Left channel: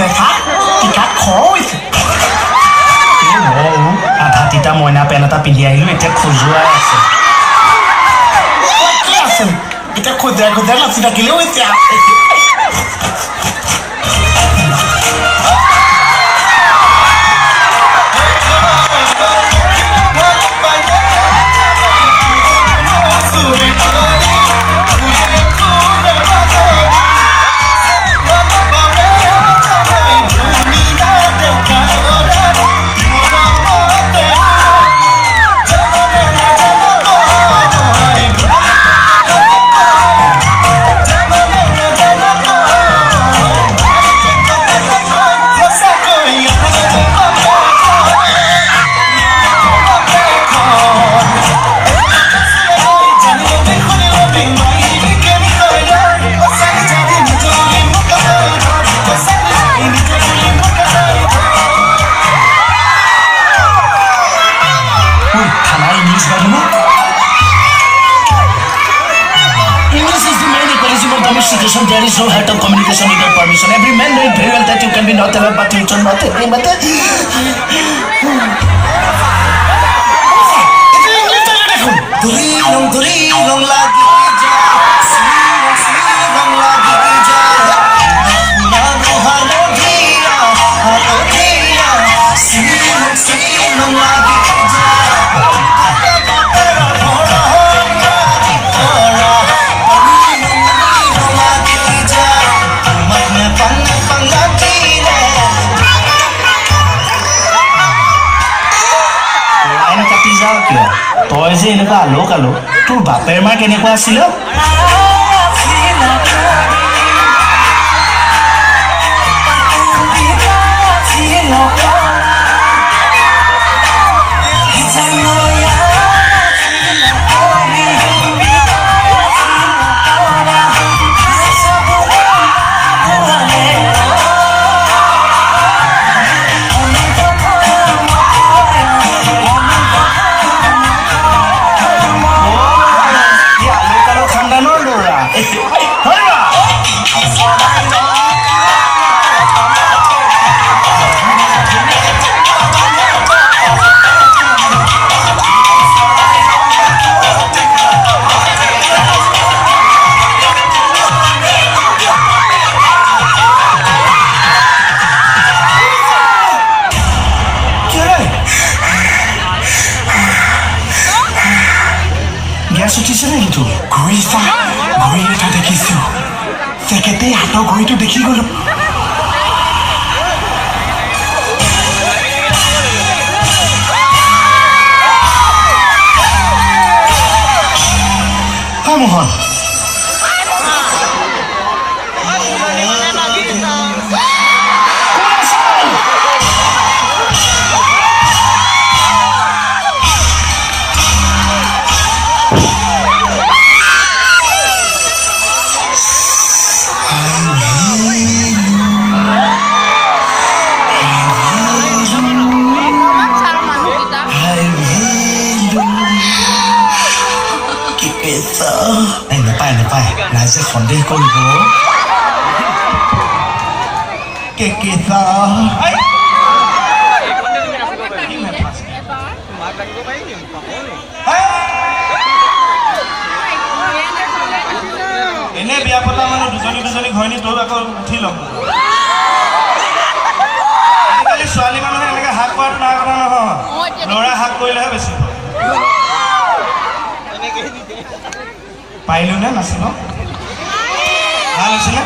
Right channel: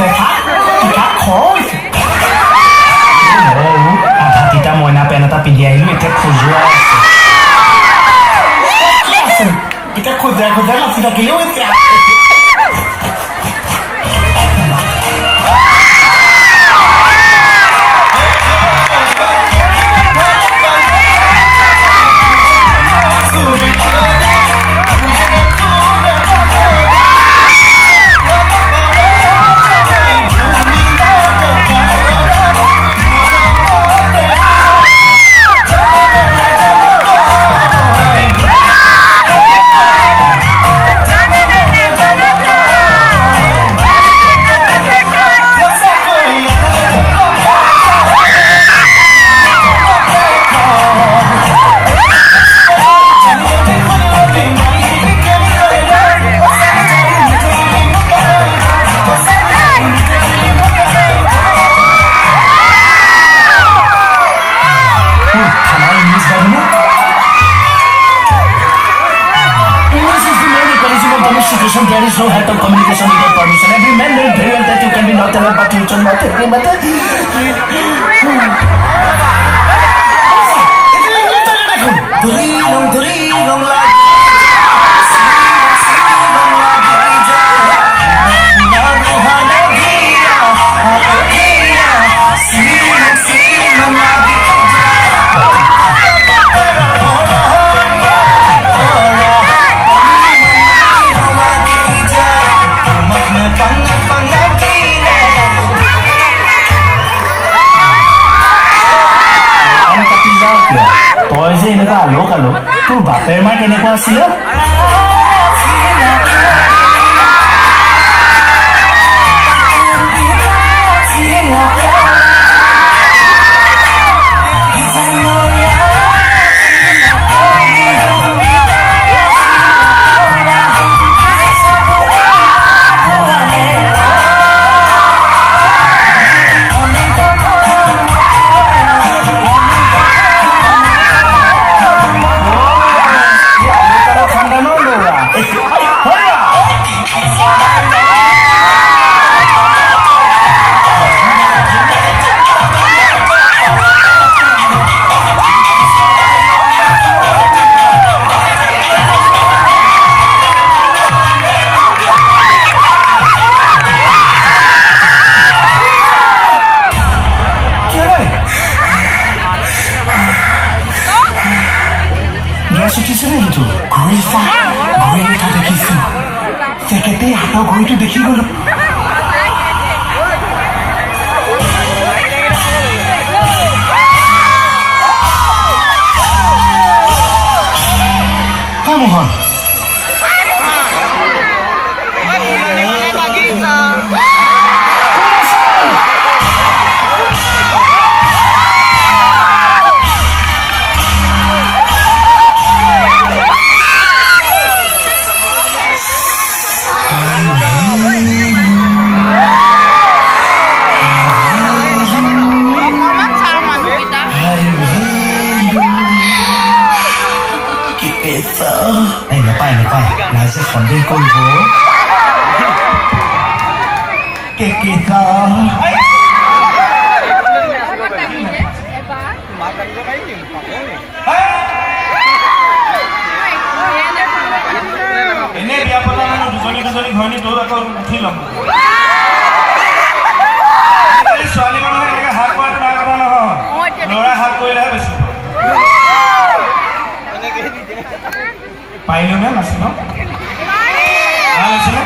চেঁচা টিকা খৰৈছে আধা তিতা মইনা পেন এটা পিন্ধি আহিলো এতিয়া খজুৱাই আছে কি আছে এতিয়া খজুৱাই খজুৱাই নাচি থাকিলেও এতিয়া There is no heart of communication without permission. Every man knows very well that you can be not allowed, but you should not take him. But Durilong lagi silong lagi silong lagi তই যে এনেকুৱা আলো কালো তোৰ বাপেৰ মা কেনেকুৱা আছিলে ঘড়ী এটা দেখিছো চেকেতে হাতৰ ঘড়ীটো দেখি গলো মোহন নাপায় ৰাইজে সন্দেহ কৰিব কেকেটা এনে বিয়া পতা মানুহ দুজনী ঘৈণী তোৰ আকৌ উঠি ল'ব আজিকালি ছোৱালী মানুহে এনেকৈ হাক কৰাটো ডাঙৰ কথা নহয় ল'ৰা হাক কৰিলেহে বেছি পাৰিলো নে নাচিব ভাল হৈছিলে